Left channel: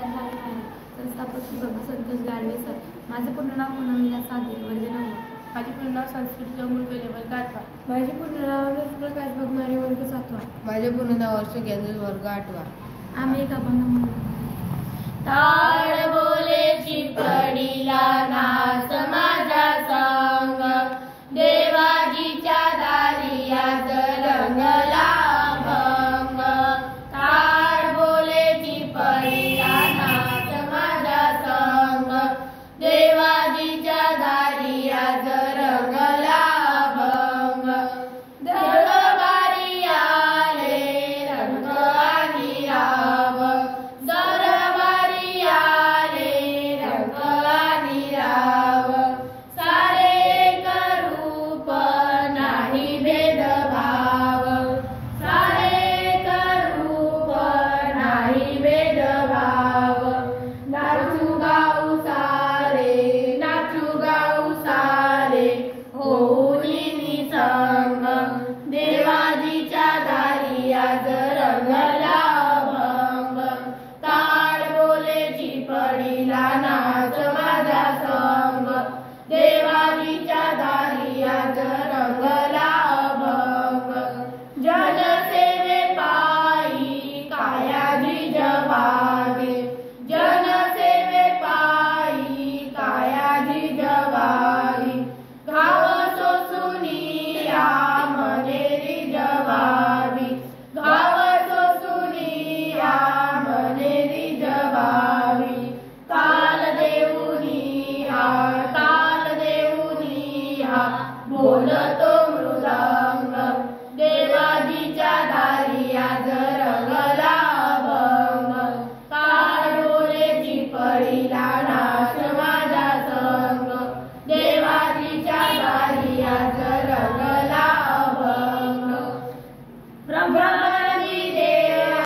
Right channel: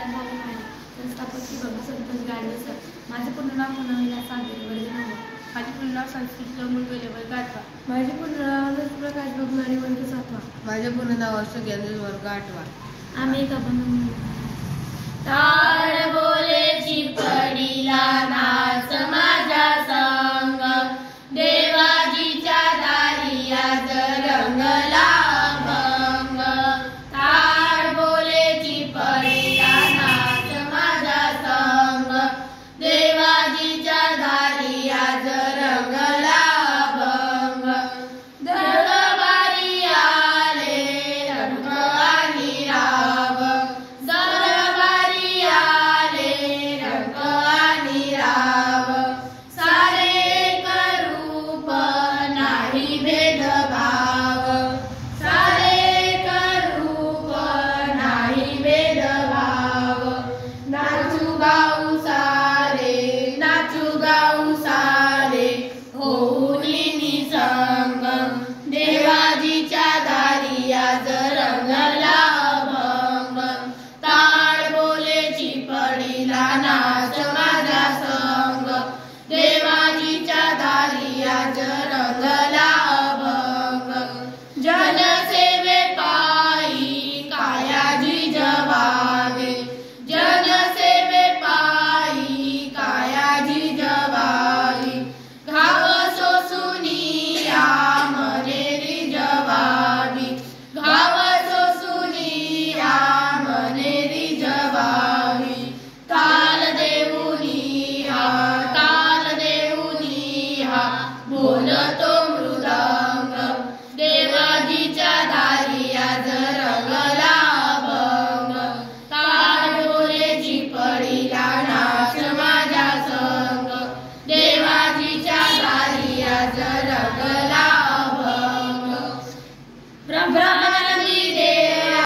विचार झाले नाही. संस्थापक श्री बाबा संतोष गाडवे सर. माझे पूर्ण नाव पुनर्विना सागर वर्ग 9. माझे पूर्ण नाव संस्कृत अमोल गेले वर्ग 8. माझे पूर्ण नाव प्रकाश बगमारे वर्ग 7. माझे पूर्ण नाव अशोक वर्ग 8. आम्ही एका